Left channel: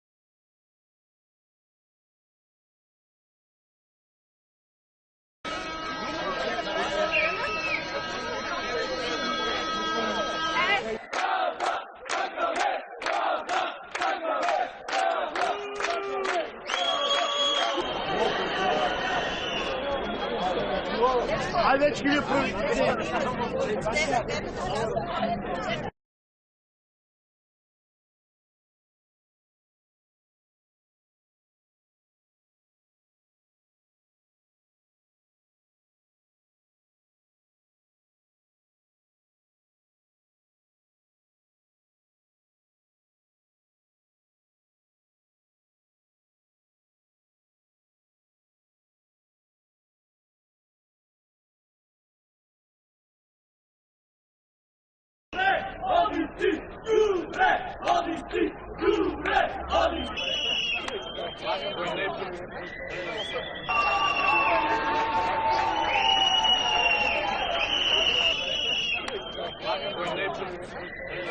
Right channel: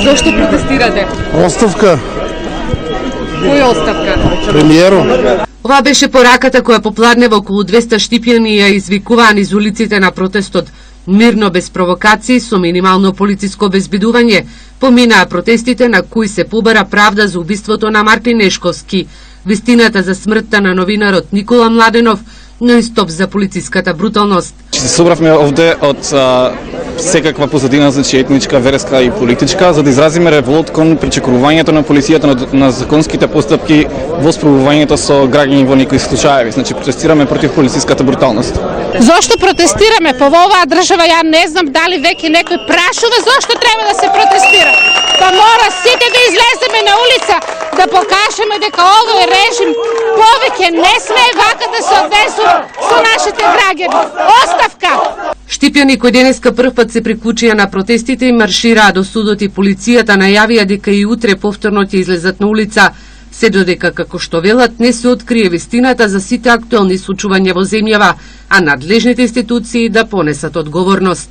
Зошто протестирате? Оставка. Која оставка? Премиеру. Ова беше пораката која попладнева околу 200 штипјани ја извикуваа низ улиците на протестот. Мирно, без провокации, со минимално полициско обезбедување, поминаа протестите на кои се побара правда за убиството на Мартин Нешковски, вистината за смртта на новинарот Никола Младенов, но и стоп за полициската бруталност. Се собравме овде од секаква позадина, значи етничка, верска и политичка, за да изразиме револт кон причекорувањето на полицијата на законските постапки во справувањето со граѓани во некои случаеви. Значи протестираме против полициската бруталност. Зошто протестираме по оваа држава? Ја не знам дали веќе некој прашува зошто треба да се протестира. Па мора сите да излеземе на улица, да покажеме дека овој режим повеќе не смее вака да се однесува со нашите граѓани. Оставка! Штипјани кои денеска прв пат се приклучија на протестите и маршираа до судот и полицијата најавија дека и утре повторно ќе излезат на улица, се додека, како што велат, не се открие вистината за сите актуелни случувања во земјава, а надлежните институции да понесат одговорност.